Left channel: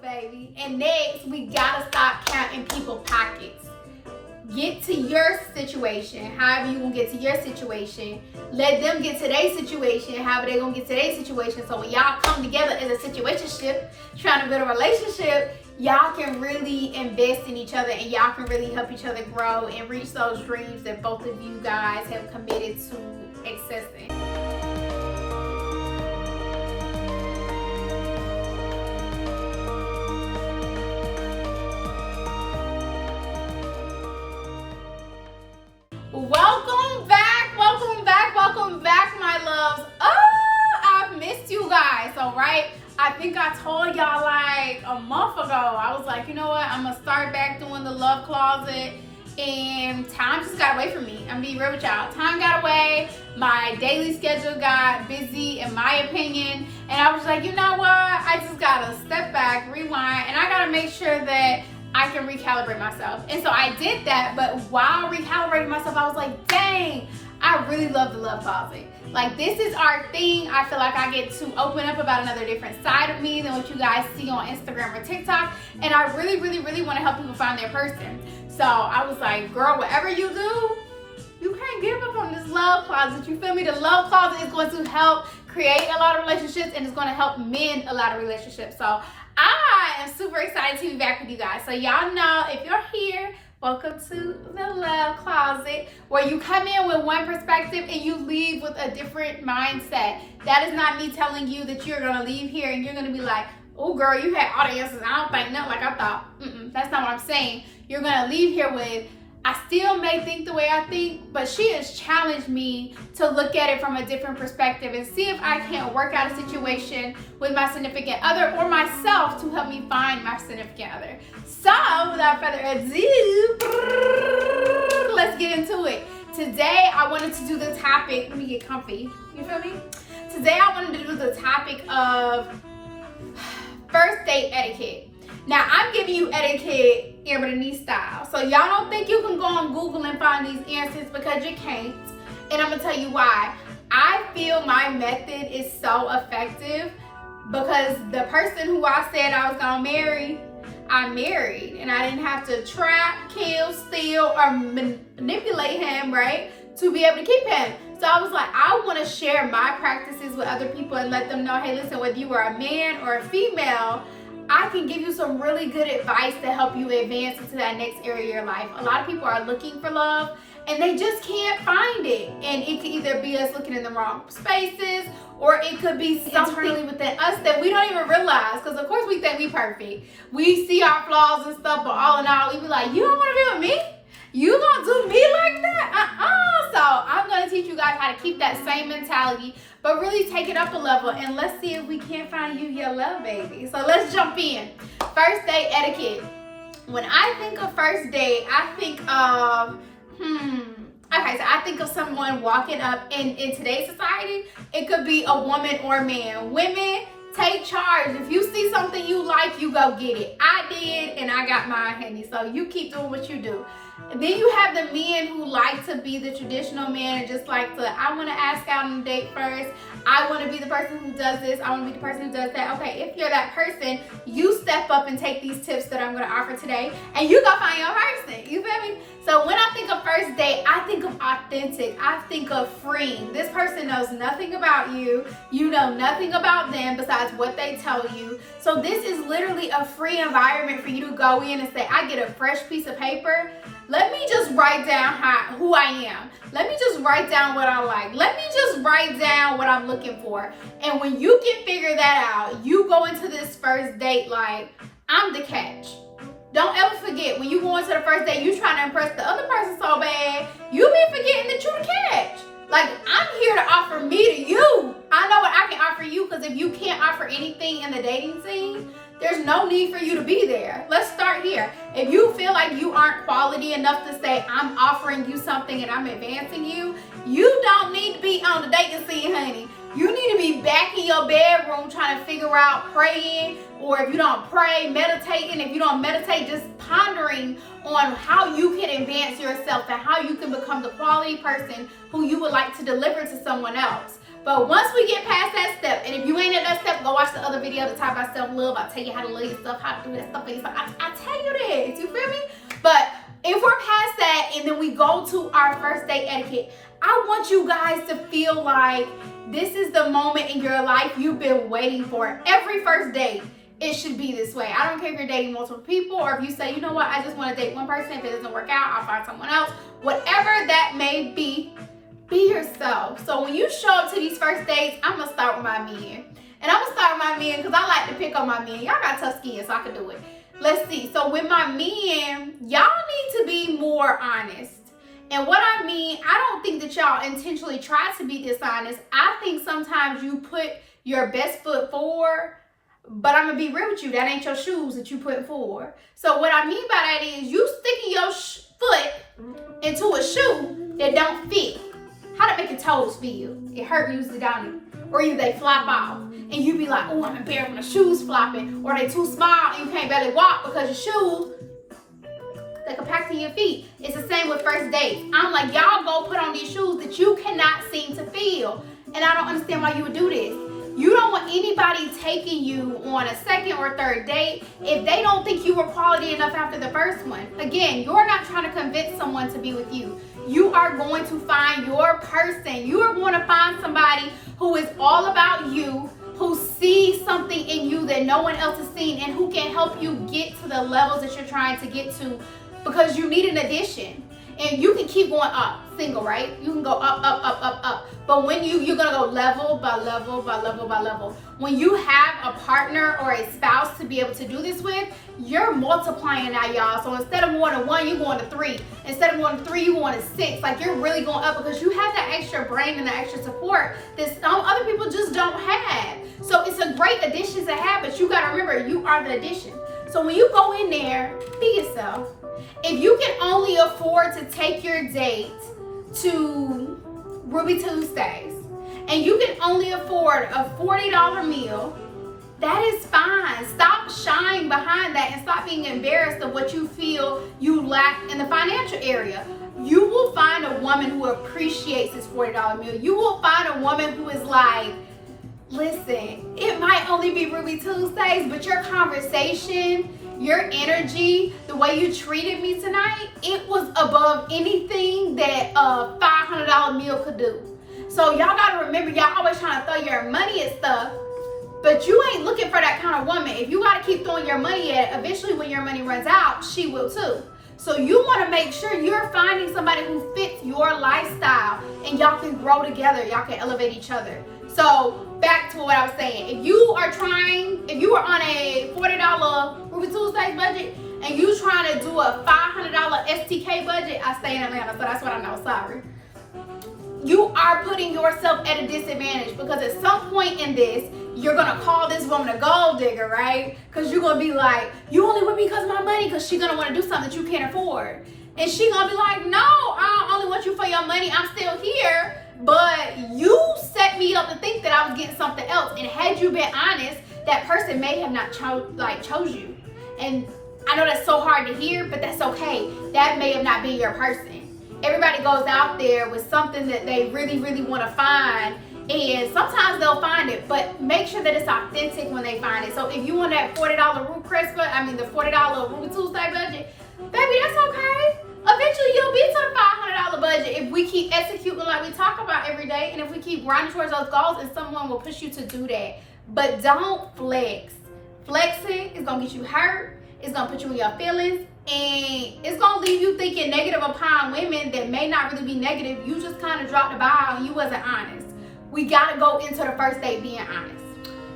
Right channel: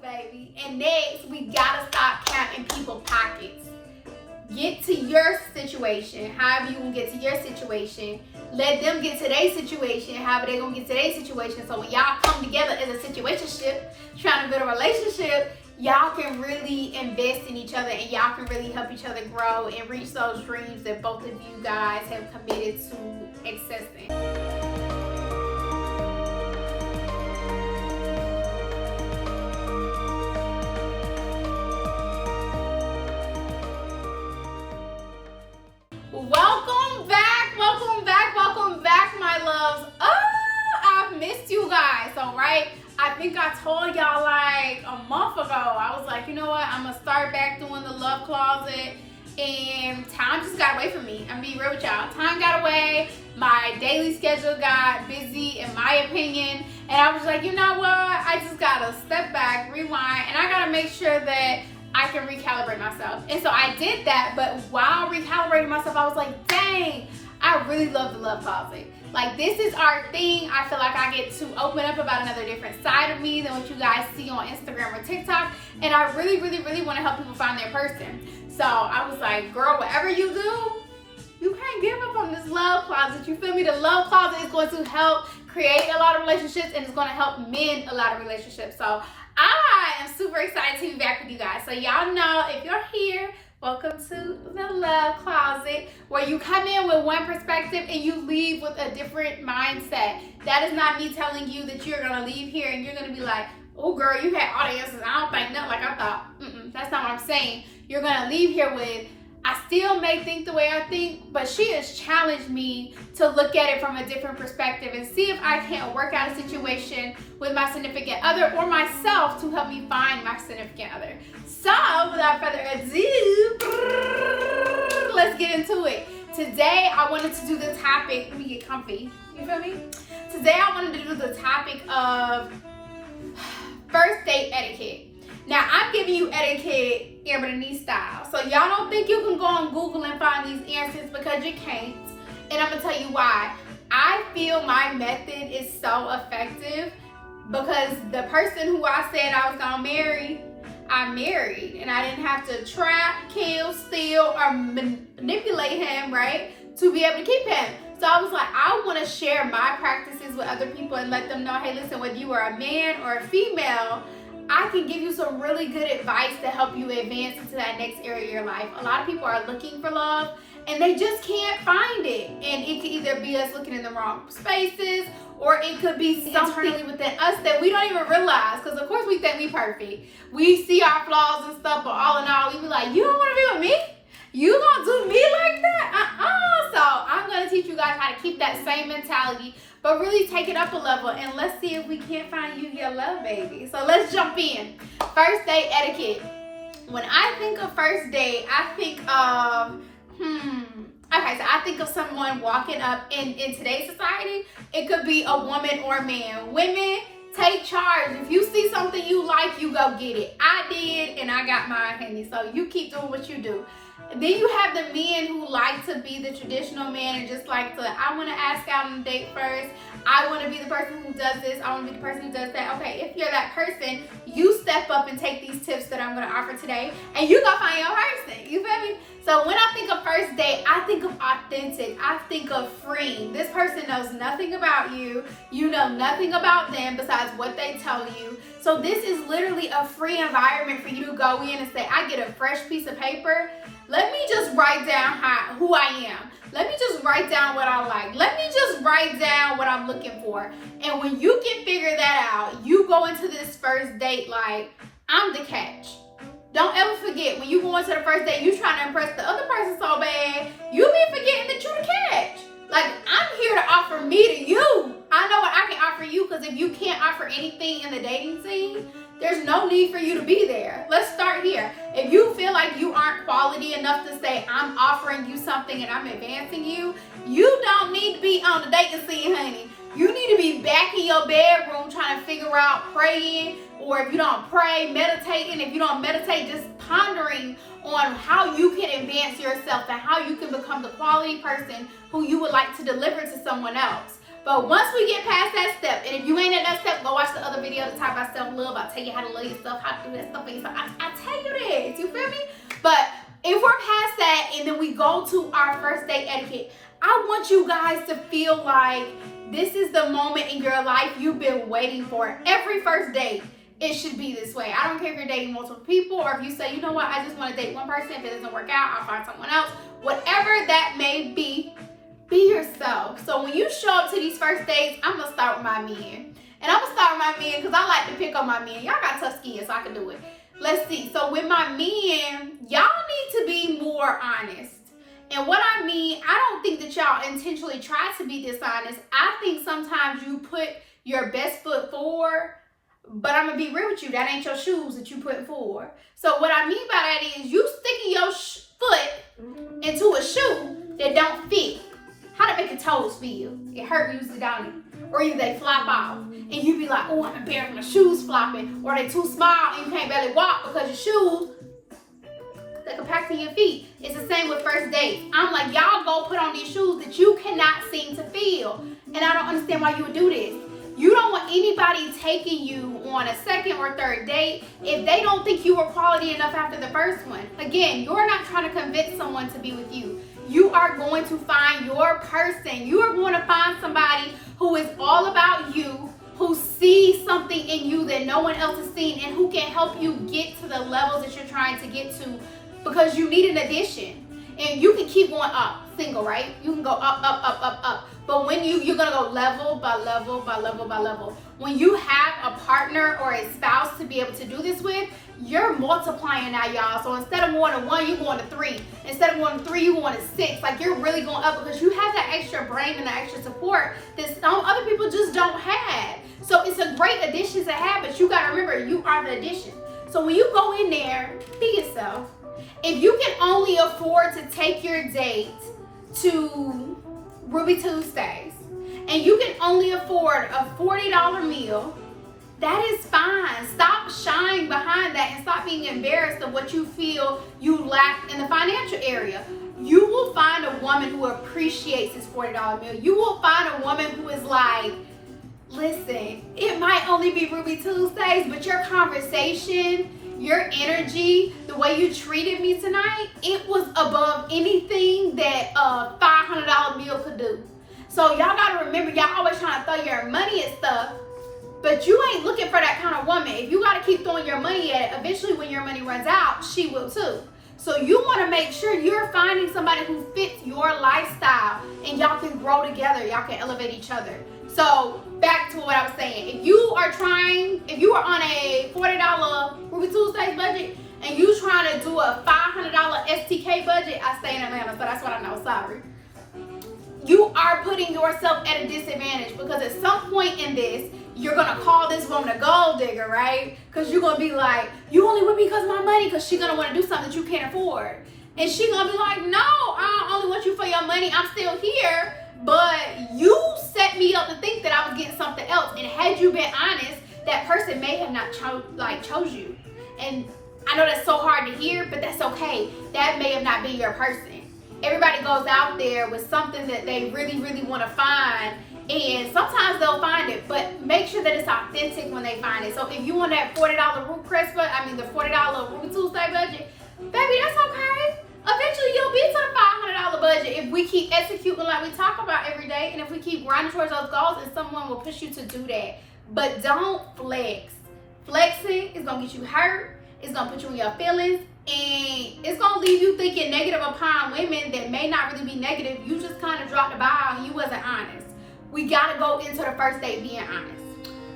baby. And next, we gotta stop counting people's pockets. Get to your situation, however you gonna get to your situation. Let them get to their situation, however they gonna get to their situation. So when y'all come together as a situationship, trying to build a relationship, y'all can really invest in each other and y'all can really help each other grow and reach those dreams that both of you guys have committed to accessing. Welcome back, my loves. I've missed you guys. So, right, I think I told y'all like a month ago, I was like, you know what, I'm gonna start back doing the love closet, and time just got away from me. I'm being real with y'all. Time got away, my daily schedule got busy, in my opinion, and I was like, you know what, I just gotta step back, rewind, and I gotta make sure that I can recalibrate myself. And so I did that, but while recalibrating myself, I was like, dang, I really love the love closet. Like, this is our thing. I feel like I get to open up about another different side of me than what you guys see on Instagram or TikTok. And I really want to help people find their person. So I was like, girl, whatever you do, you can't give up on this love closet. You feel me? The love closet is going to help create a lot of relationships, and it's going to help mend a lot of relationships. So I am super excited to be back with you guys. So y'all know, if you're here, welcome to the love closet, where you come in with one perspective and you leave with a different mindset. That is not me telling you that you're gonna leave here and you're gonna be like, oh girl, you had all the answers. I don't think nothing like I thought. That's not what I'm saying. You're gonna leave here with, I still may think the way I think, but she has challenged me to look at it from a different perspective and see if I can't work out a situation with my significant other or myself to help me find my significant other. So without further ado, let's get into it. Today I wanted to do the topic, let me get comfy, you feel me? Today I wanted to do the topic of first date etiquette. Now, I'm giving you etiquette Amber Denisee style. So y'all don't think you can go on Google and find these answers, because you can't. And I'm gonna tell you why. I feel my method is so effective because the person who I said I was gonna marry, I married, and I didn't have to trap, kill, steal, or manipulate him, right, to be able to keep him. So I was like, I want to share my practices with other people and let them know, hey, listen, whether you are a man or a female, I can give you some really good advice to help you advance into that next area of your life. A lot of people are looking for love and they just can't find it. And it could either be us looking in the wrong spaces, or it could be something within us that we don't even realize. Because of course we think we perfect. We see our flaws and stuff, but all in all, we be like, you don't want to be with me? You gonna do me like that? So I'm gonna teach you guys how to keep that same mentality, but really take it up a level, and let's see if we can't find you your love, baby. So let's jump in. First date etiquette. When I think of first date, I think of, okay, so I think of someone walking up in today's society. It could be a woman or a man. Women, take charge. If you see something you like, you go get it. I did, and I got mine, honey. So you keep doing what you do. And then you have the men who like to be the traditional man and just like to, I want to ask out on a date first. I want to be the person who does this. I want to be the person who does that. Okay, if you're that person, you step up and take these tips that I'm going to offer today, and you go find your person. You feel me? So when I think of first date, I think of authentic. I think of freeing. This person knows nothing about you. You know nothing about them besides what they tell you. So this is literally a free environment for you to go in and say, I get a fresh piece of paper. Let me just write down who I am. Let me just write down what I like. Let me just write down what I'm looking for. And when you can figure that out, you go into this first date like, I'm the catch. Don't ever forget, when you go into the first date, you trying to impress the other person so bad, you be forgetting that you the catch. Like, I'm here to offer me to you. I know what I can offer you, because if you can't offer anything in the dating scene, there's no need for you to be there. Let's start here. If you feel like you aren't quality enough to say, I'm offering you something and I'm advancing you, you don't need to be on the dating scene, honey. You need to be back in your bedroom trying to figure out praying, or if you don't pray, meditating. If you don't meditate, just pondering on how you can advance yourself and how you can become the quality person who you would like to deliver to someone else. But once we get past that step, and if you ain't at that step, go watch the other video that talk about self-love. I'll tell you how to love yourself, how to do that stuff for yourself. I tell you this, you feel me? But if we're past that and then we go to our first date etiquette, I want you guys to feel like this is the moment in your life you've been waiting for. Every first date, it should be this way. I don't care if you're dating multiple people or if you say, you know what, I just want to date one person. If it doesn't work out, I'll find someone else. Whatever that may be yourself. So when you show up to these first dates, I'm going to start with my men. And I'm going to start with my men because I like to pick on my men. Y'all got tough skin, so I can do it. Let's see. So with my men, y'all need to be more honest. And what I mean, I don't think that y'all intentionally try to be dishonest. I think sometimes you put your best foot forward, but I'm going to be real with you. That ain't your shoes that you put forward. So what I mean by that is you sticking your foot into a shoe that don't fit. How to make your toes feel? It hurt usually, don't it? Or either they flop off. And you be like, oh, I'm embarrassed when the shoes flopping. Or they too small and you can't barely walk because your shoes, they compact to your feet. It's the same with first dates. I'm like, y'all go put on these shoes that you cannot seem to feel. And I don't understand why you would do this. You don't want anybody taking you on a second or third date if they don't think you were quality enough after the first one. Again, you're not trying to convince someone to be with you. You are going to find your person. You are going to find somebody who is all about you, who sees something in you that no one else has seen, and who can help you get to the levels that you're trying to get to, because you need an addition. And you can keep going up, single, right? You can go up, up, up, up, up. But when you're gonna go level by level by level by level. When you have a partner or a spouse to be able to do this with, you're multiplying now, y'all. So instead of going to 1, you're going to 3. Instead of going to 3, you're going to 6. Like, you're really going up because you have that extra brain and that extra support that some other people just don't have. So it's a great addition to have, but you gotta remember, you are the addition. So when you go in there, be yourself. If you can only afford to take your date to Ruby Tuesdays and you can only afford a $40 meal, that is fine. Stop shying behind that and stop being embarrassed of what you feel you lack in the financial area. You will find a woman who appreciates this $40 meal. You will find a woman who is like, listen, it might only be Ruby Tuesdays, but your conversation, your energy, the way you treated me tonight, it was above anything that a $500 meal could do. So y'all gotta remember, y'all always trying to throw your money at stuff, but you ain't looking for that kind of woman. If you gotta keep throwing your money at it, eventually when your money runs out, she will too. So you wanna make sure you're finding somebody who fits your lifestyle and y'all can grow together, y'all can elevate each other. So back to what I was saying. If you are on a $40 Ruby Tuesdays budget and you trying to do a $500 STK budget, I stay in Atlanta, so that's what I know, sorry. You are putting yourself at a disadvantage because at some point in this, you're gonna call this woman a gold digger, right? Because you're gonna be like, you only with me because of my money, because she's gonna want to do something that you can't afford. And she's gonna be like, no, I don't only want you for your money, I'm still here. But you set me up to think that I was getting something else. And had you been honest, that person may have not chose you. And I know that's so hard to hear, but that's okay. That may have not been your person. Everybody goes out there with something that they really, really want to find. And sometimes they'll find it, but make sure that it's authentic when they find it. So if you want that $40 the $40 Ruby Tuesday budget, baby, that's okay. Eventually you'll be to the $500 budget if we keep executing like we talk about every day, and if we keep grinding towards those goals, and someone will push you to do that. But don't flex. Flexing is gonna get you hurt. It's gonna put you in your feelings, and it's gonna leave you thinking negative upon women that may not really be negative. You just kind of dropped the ball and you wasn't honest. We gotta go into the first date being honest.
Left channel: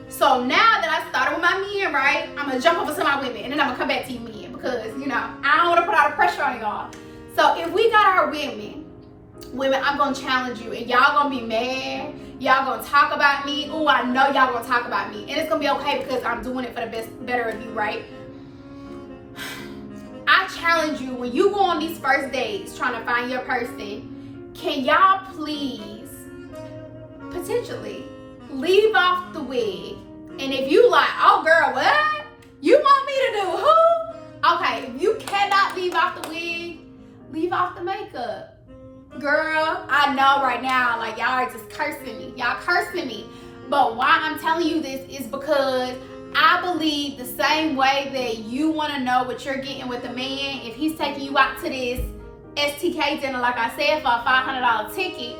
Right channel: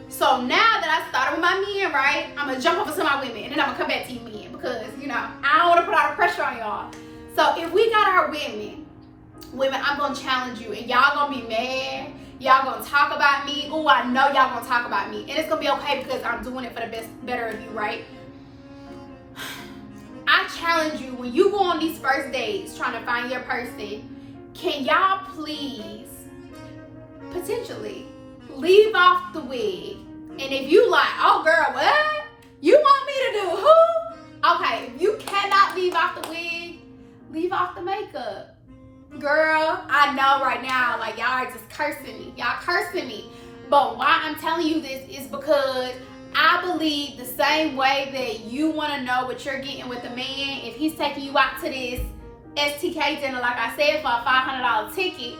So now that I started with my men, right, I'm gonna jump over to my women, and then I'm gonna come back to you men because, I don't wanna put all the pressure on y'all. So if we got our women, I'm gonna challenge you, and y'all gonna be mad. Y'all gonna talk about me. Oh, I know y'all gonna talk about me, and it's gonna be okay because I'm doing it for the better of you, right? I challenge you, when you go on these first dates trying to find your person, can y'all please potentially leave off the wig? And if you like, oh girl, what? You want me to do who? Okay, if you cannot leave off the wig, leave off the makeup. girl, I know right now, like, y'all are just cursing me. Y'all cursing me. But why I'm telling you this is because I believe the same way that you want to know what you're getting with a man. If he's taking you out to this STK dinner, like I said, for a $500 ticket,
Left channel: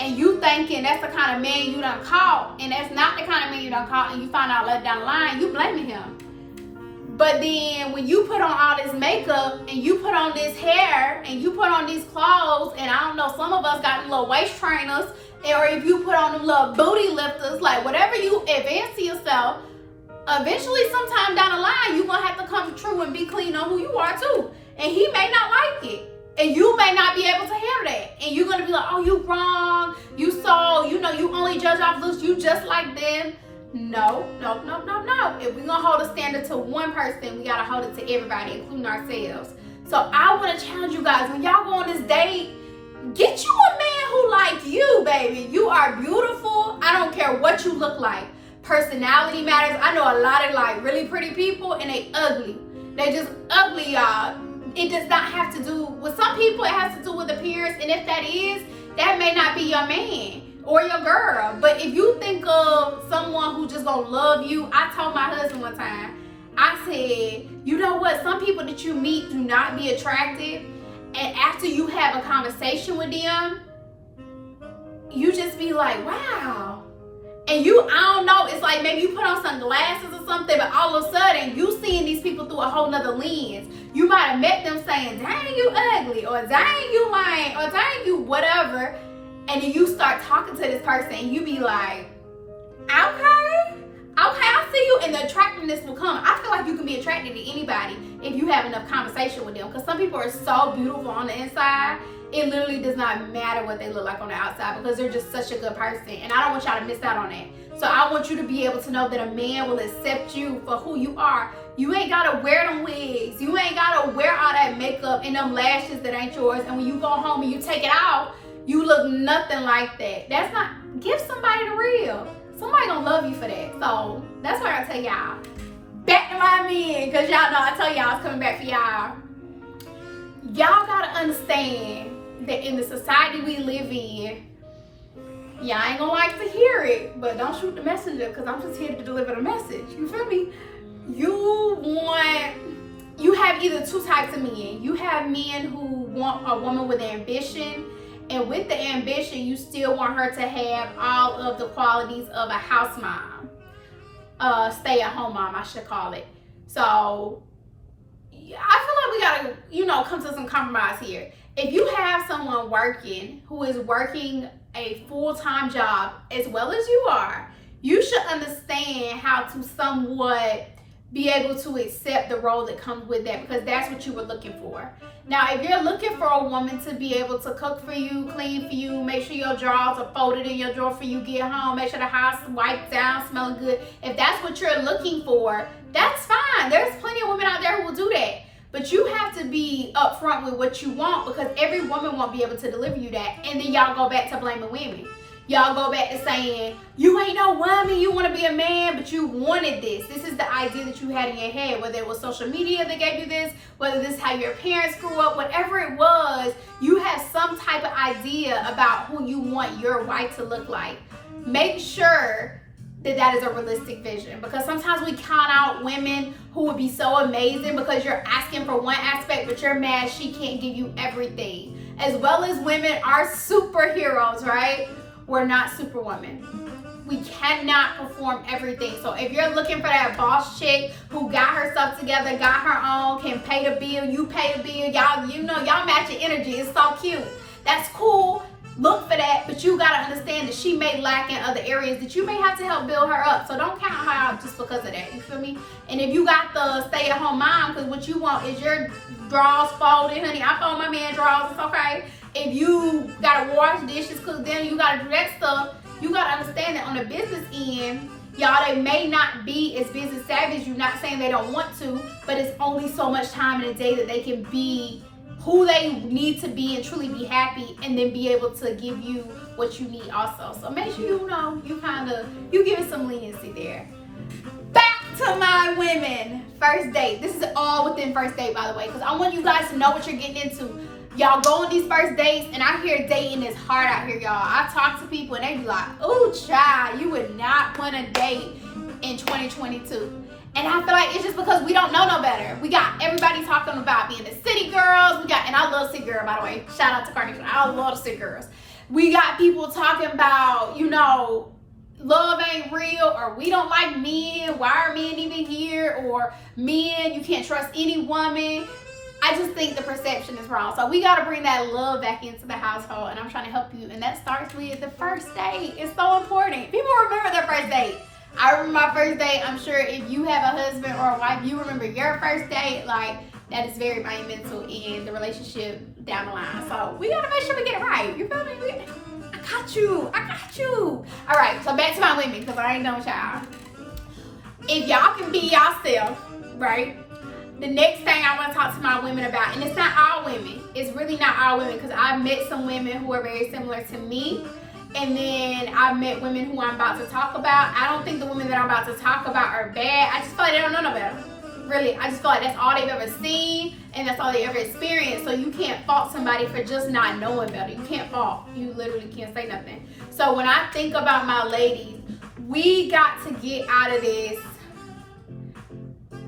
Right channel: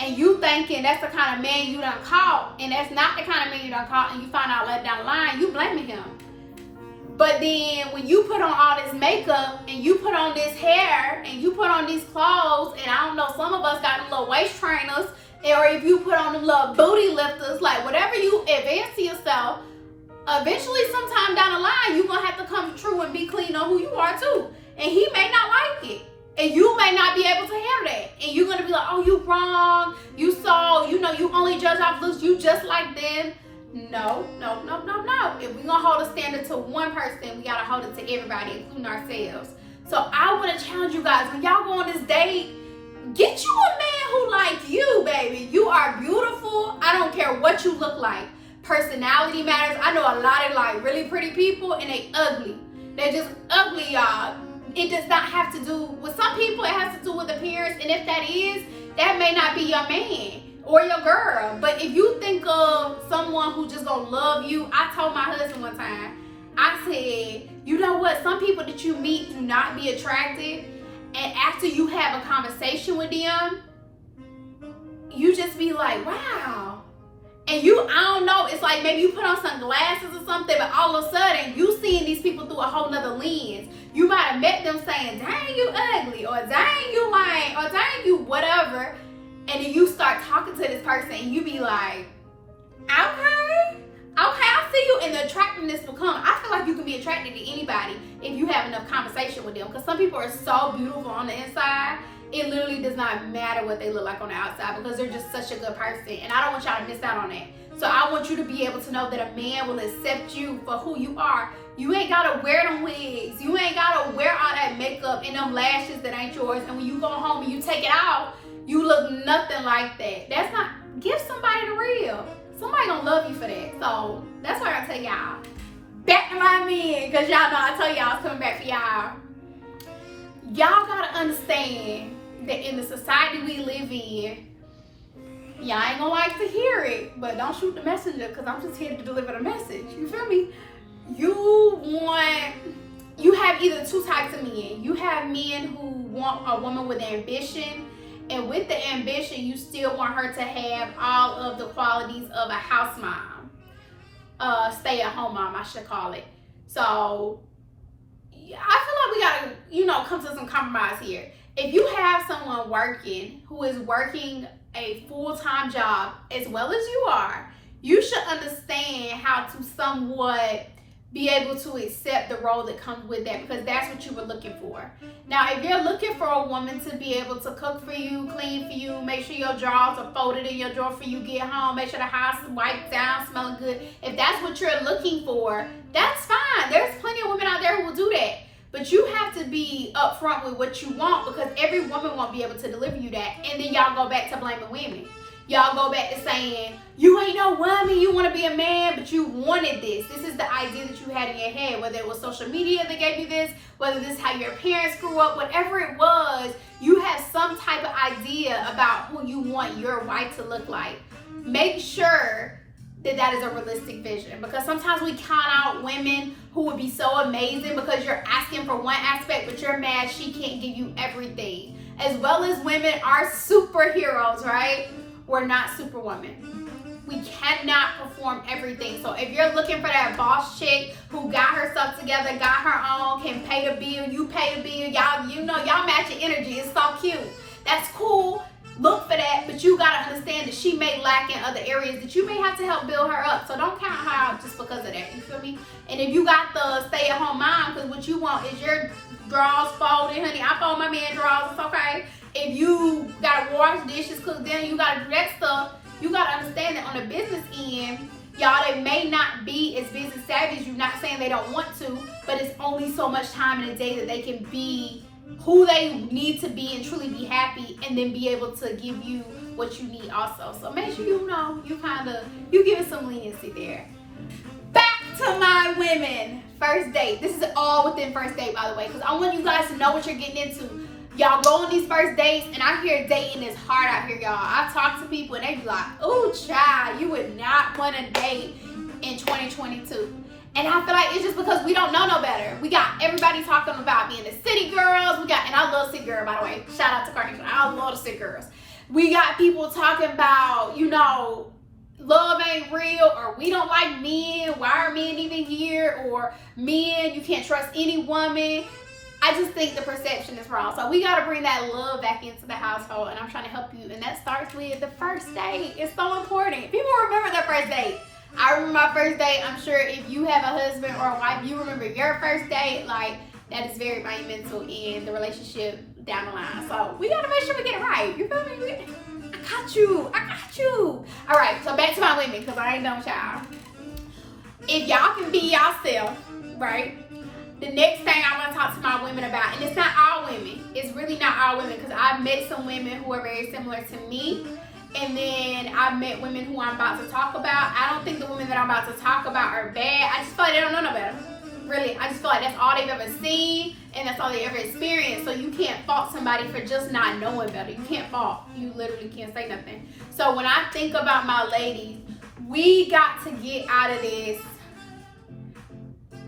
and you thinking that's the kind of man you done caught, and that's not the kind of man you done caught, and you find out later down the line, you blaming him. But then when you put on all this makeup, and you put on this hair, and you put on these clothes, and I don't know, some of us got little waist trainers, or if you put on them little booty lifters, like whatever you advance to yourself, eventually sometime down the line, you're going to have to come true and be clean on who you are too. And he may not like it. And you may not be able to handle that. And you're going to be like, oh, you wrong. You so, you only judge off looks. You just like them. No. If we're going to hold a standard to one person, we got to hold it to everybody, including ourselves. So I want to challenge you guys, when y'all go on this date, get you a man who like you, baby. You are beautiful. I don't care what you look like. Personality matters. I know a lot of like really pretty people and they ugly. They just ugly, y'all. It does not have to do with some people. It has to do with appearance, and if that is, that may not be your man or your girl. But if you think of someone who just gonna love you, I told my husband one time, I said, you know what? Some people that you meet do not be attractive, and after you have a conversation with them, you just be like, wow. And I don't know, it's like maybe you put on some glasses or something, but all of a sudden, you seeing these people through a whole nother lens. You might have met them saying, dang, you ugly, or dang, you lying, or dang, you whatever. And then you start talking to this person, and you be like, okay, I see you. And the attractiveness will come. I feel like you can be attracted to anybody if you have enough conversation with them. Because some people are so beautiful on the inside, it literally does not matter what they look like on the outside, because they're just such a good person. And I don't want y'all to miss out on that. So I want you to be able to know that a man will accept you for who you are. You ain't gotta wear them wigs. You ain't gotta wear all that makeup and them lashes that ain't yours. And when you go home and you take it off, you look nothing like that. That's not, give somebody the real. Somebody gonna love you for that. So that's why I tell y'all, back to my men, because y'all know I told y'all I was coming back for y'all. Y'all gotta understand that in the society we live in, y'all ain't gonna like to hear it, but don't shoot the messenger, because I'm just here to deliver the message. You feel me? You have either two types of men. You have men who want a woman with ambition, and with the ambition, you still want her to have all of the qualities of a house mom, stay-at-home mom, I should call it. So I feel like we gotta, come to some compromise here. If you have someone working who is working a full-time job as well as you are, you should understand how to somewhat be able to accept the role that comes with that, because that's what you were looking for. Now, if you're looking for a woman to be able to cook for you, clean for you, make sure your drawers are folded in your drawer for you get home, make sure the house is wiped down, smelling good, if that's what you're looking for, that's fine. There's plenty of women out there who will do that. But you have to be upfront with what you want, because every woman won't be able to deliver you that. And then y'all go back to blaming women. Y'all go back to saying, you ain't no woman, you want to be a man, but you wanted this. This is the idea that you had in your head, whether it was social media that gave you this, whether this is how your parents grew up, whatever it was, you have some type of idea about who you want your wife to look like. Make sure that is a realistic vision, because sometimes we count out women who would be so amazing because you're asking for one aspect, but you're mad she can't give you everything. As well as women are superheroes, right? We're not superwomen. We cannot perform everything. So if you're looking for that boss chick who got herself together, got her own, can pay the bill, you pay the bill, y'all matching energy. It's so cute. That's cool. Look for that, but you gotta understand that she may lack in other areas that you may have to help build her up. So don't count her out just because of that. You feel me? And if you got the stay-at-home mom, because what you want is your drawers folded, honey. I fold my man drawers. It's okay. If you gotta wash dishes, cook dinner, you gotta do that stuff. You gotta understand that on the business end, y'all, they may not be as business savvy as you. Not saying they don't want to, but it's only so much time in a day that they can be who they need to be and truly be happy, and then be able to give you what you need also. So make sure you give it some leniency there. Back to my women. First date. This is all within first date, by the way, because I want you guys to know what you're getting into. Y'all go on these first dates, and I hear dating is hard out here, y'all. I talk to people and they be like, ooh, child, you would not want to date in 2022. And I feel like it's just because we don't know no better. We got everybody talking about being the city girls. And I love city girl, by the way. Shout out to Carnation. I love the city girls. We got people talking about, you know, love ain't real, or we don't like men. Why are men even here? Or men, you can't trust any woman. I just think the perception is wrong. So we got to bring that love back into the household, and I'm trying to help you. And that starts with the first date. It's so important. People remember their first date. I remember my first date. I'm sure if you have a husband or a wife, you remember your first date. Like, that is very monumental in the relationship down the line. So we got to make sure we get it right. You feel me? I got you. I got you. All right, so back to my women, because I ain't done with y'all. If y'all can be yourself, right? The next thing I want to talk to my women about, and it's not all women. It's really not all women, because I've met some women who are very similar to me. And then I've met women who I'm about to talk about. I don't think the women that I'm about to talk about are bad. I just feel like they don't know no better. Really, I just feel like that's all they've ever seen, and that's all they ever experienced. So you can't fault somebody for just not knowing better. You can't fault. You literally can't say nothing. So when I think about my ladies, we got to get out of this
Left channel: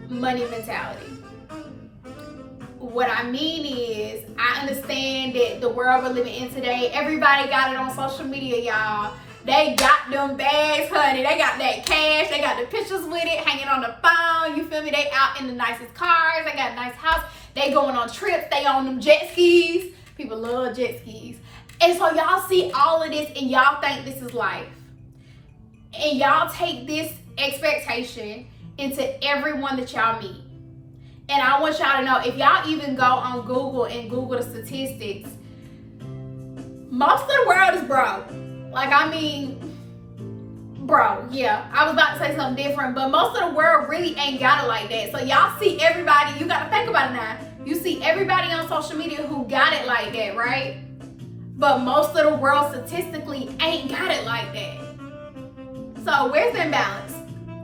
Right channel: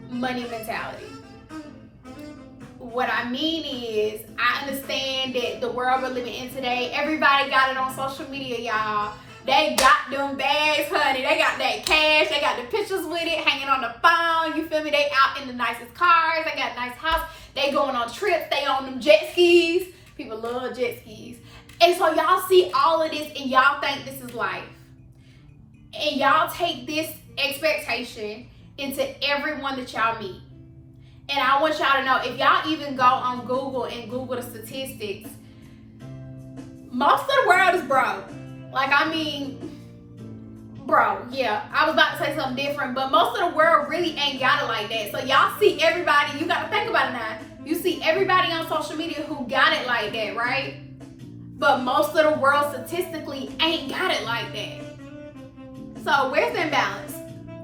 money mentality. What I mean is, I understand that the world we're living in today, everybody got it on social media, y'all. They got them bags, honey. They got that cash. They got the pictures with it, hanging on the phone. You feel me? They out in the nicest cars. They got a nice house. They going on trips. They on them jet skis. People love jet skis. And so y'all see all of this and y'all think this is life. And y'all take this expectation into everyone that y'all meet. And I want y'all to know, if y'all even go on Google and Google the statistics, most of the world is broke. Like, I mean, bro, yeah, I was about to say something different, but most of the world really ain't got it like that. So y'all see everybody, you gotta think about it now. You see everybody on social media who got it like that, right? But most of the world statistically ain't got it like that. So where's the imbalance?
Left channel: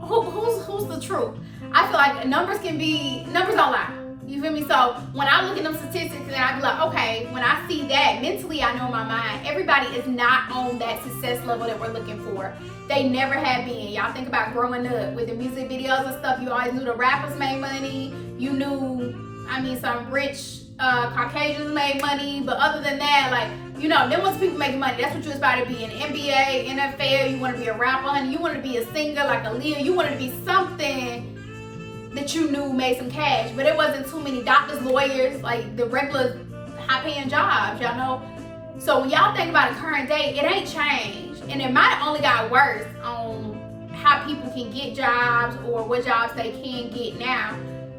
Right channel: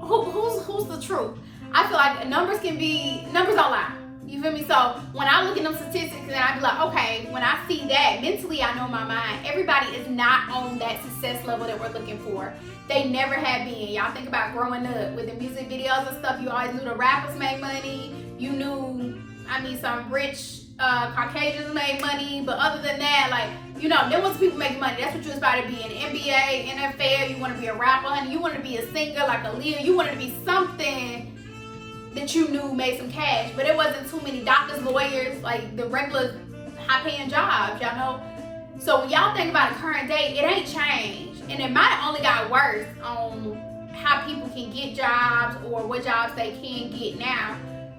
Who's the truth? I feel like numbers don't lie. You feel me? So when I look at them statistics, and I be like, okay, when I see that, mentally I know in my mind, everybody is not on that success level that we're looking for. They never have been. Y'all think about growing up with the music videos and stuff. You always knew the rappers made money. You knew, I mean, some rich Caucasians made money. But other than that, like, you know, then once people making money, that's what you aspire to be. In the NBA, NFL, you want to be a rapper, honey. You want to be a singer like Aaliyah. You wanted to be something that you knew made some cash, but it wasn't too many doctors, lawyers, like the regular high-paying jobs, y'all know. So when y'all think about a current day, it ain't changed, and it might have only got worse on how people can get jobs or what jobs they can get now.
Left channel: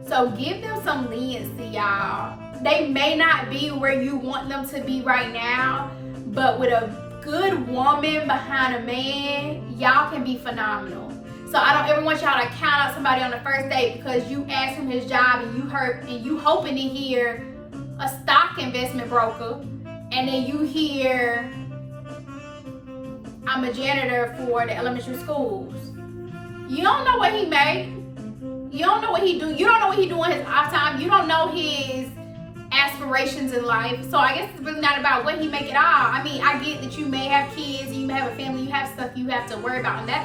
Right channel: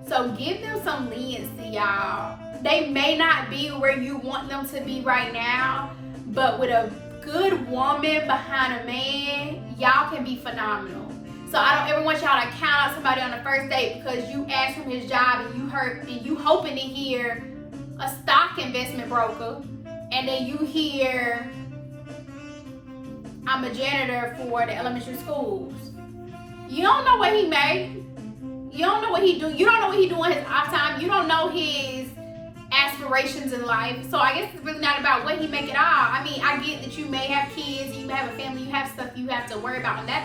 So give them some leniency, y'all. They may not be where you want them to be right now, but with a good woman behind a man, y'all can be phenomenal. So I don't ever want y'all to count out somebody on the first date because you asked him his job and you hoping to hear a stock investment broker, and then you hear I'm a janitor for the elementary schools. You don't know what he made. You don't know what he do. You don't know what he doing his off time. You don't know his aspirations in life. So I guess it's really not about what he make at all. I mean, I get that you may have kids and you may have a family, you have stuff you have to worry about on that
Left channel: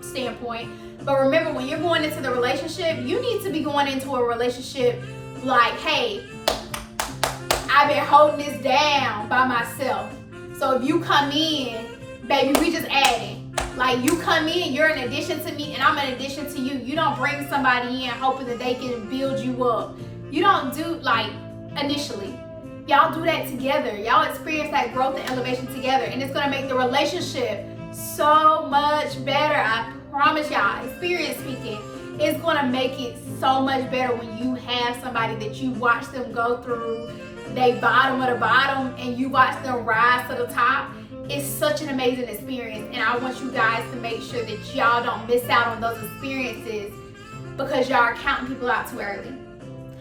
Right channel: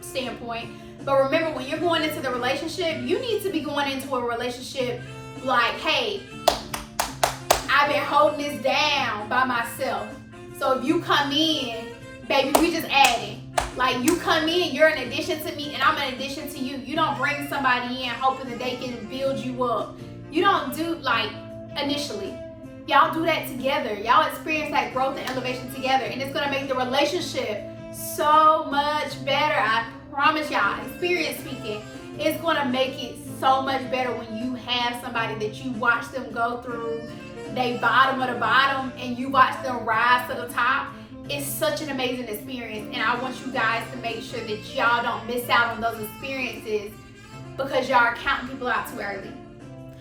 standpoint. But remember, when you're going into the relationship, you need to be going into a relationship like, hey, I've been holding this down by myself. So if you come in, baby, we just adding. Like, you come in, you're an addition to me and I'm an addition to you. You don't bring somebody in hoping that they can build you up. You don't do, like, initially. Y'all do that together. Y'all experience that growth and elevation together, and it's gonna make the relationship so much better. I promise y'all, experience speaking, it's gonna make it so much better when you have somebody that you watch them go through they bottom of the bottom and you watch them rise to the top. It's such an amazing experience, and I want you guys to make sure that y'all don't miss out on those experiences because y'all are counting people out too early.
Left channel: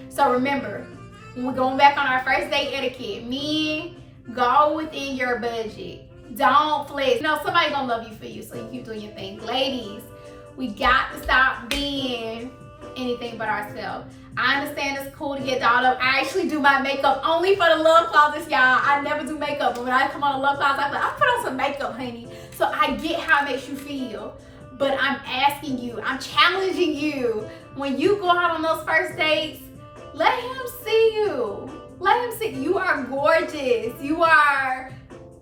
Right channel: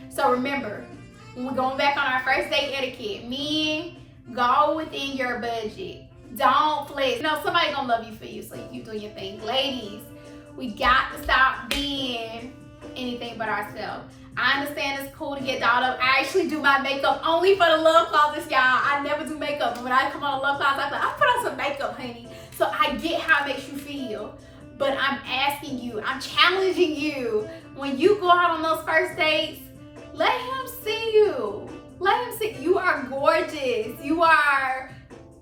So remember, when we're going back on our first date etiquette, men, go within your budget. Don't flex. You know, somebody's gonna love you for you, so you keep doing your thing. Ladies, we got to stop being anything but ourselves. I understand it's cool to get dolled up. I actually do my makeup only for the love closets, y'all. I never do makeup, but when I come on the love closet, I'm like, I'm put on some makeup, honey. So I get how it makes you feel. But I'm asking you, I'm challenging you. When you go out on those first dates, let him see you. Let him see you are gorgeous. You are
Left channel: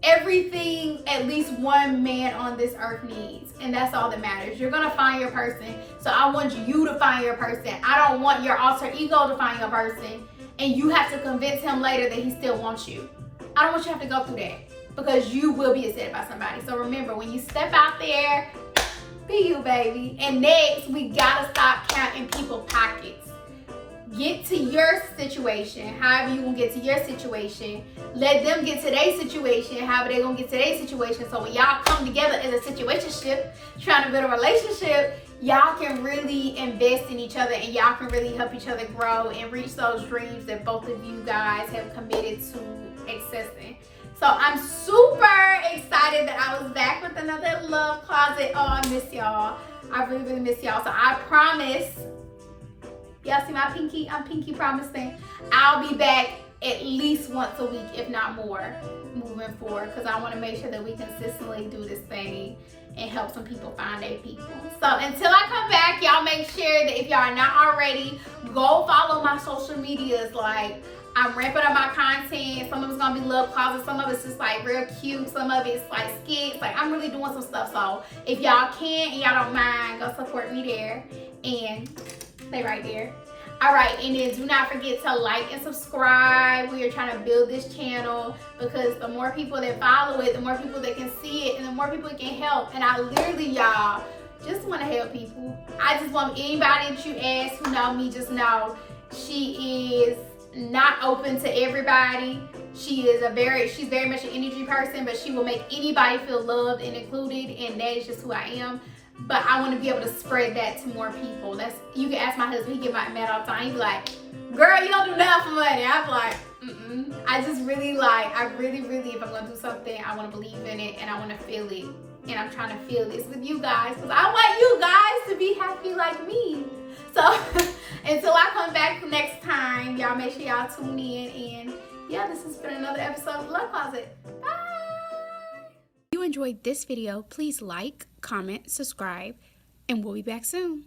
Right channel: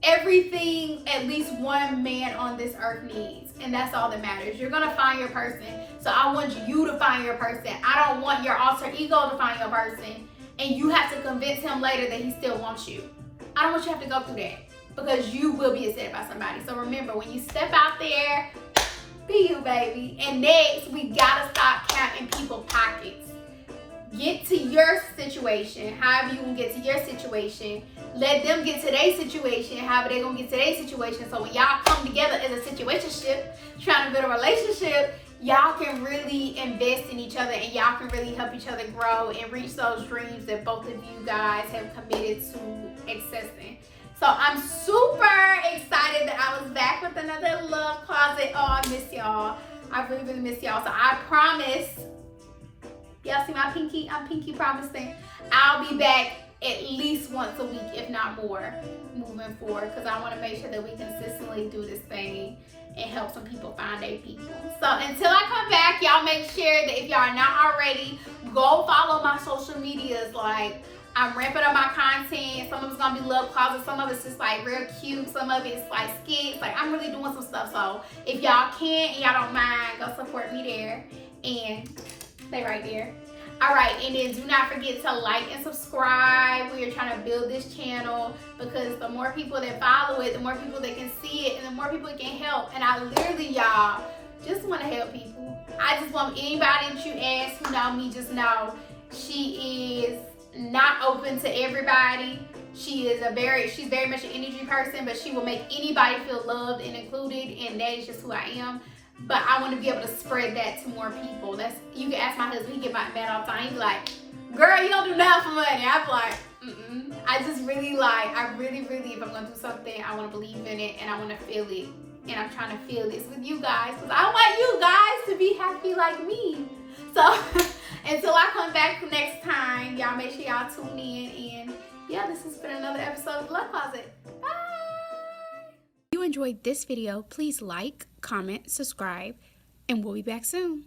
everything at least one man on this earth needs. And that's all that matters. You're gonna find your person. So I want you to find your person. I don't want your alter ego to find your person and you have to convince him later that he still wants you. I don't want you to have to go through that because you will be accepted by somebody. So remember, when you step out there, be you, baby. And next, we gotta stop counting people's pockets. Get to your situation, however you gonna get to your situation. Let them get to their situation, however they gonna get to their situation. So when y'all come together as a situationship, trying to build a relationship, y'all can really invest in each other and y'all can really help each other grow and reach those dreams that both of you guys have committed to accessing. So I'm super excited that I was back with another love closet. Oh, I miss y'all. I really, really miss y'all. So I promise, y'all see my pinky? I'm pinky promising. I'll be back at least once a week, if not more, moving forward, because I want to make sure that we consistently do this thing and help some people find their people. So until I come back, y'all make sure that if y'all are not already, go follow my social medias. Like, I'm ramping up my content. Some of it's gonna be love closet, some of it's just like real cute, some of it's like skits. Like, I'm really doing some stuff. So if y'all can and y'all don't mind, go support me there and stay right there. All right, and then do not forget to like and subscribe. We are trying to build this channel because the more people that follow it, the more people that can see it, and the more people it can help. And I literally, y'all, just want to help people. I just want anybody that you ask who know me, just know she is not open to everybody. She's very much an energy person, but she will make anybody feel loved and included, and that is just who I am. But I want to be able to spread that to more people. You can ask my husband, he get mad all the time. He be like, girl, you don't do nothing for money. I be like, I just really if I'm gonna do something, I want to believe in it and I want to feel it. And I'm trying to feel this with you guys because I want you guys to be happy like me. So until I come back next time, y'all make sure y'all tune in. And yeah, this has been another episode of Love Closet. Bye. If you enjoyed this video, please like, comment, subscribe, and we'll be back soon.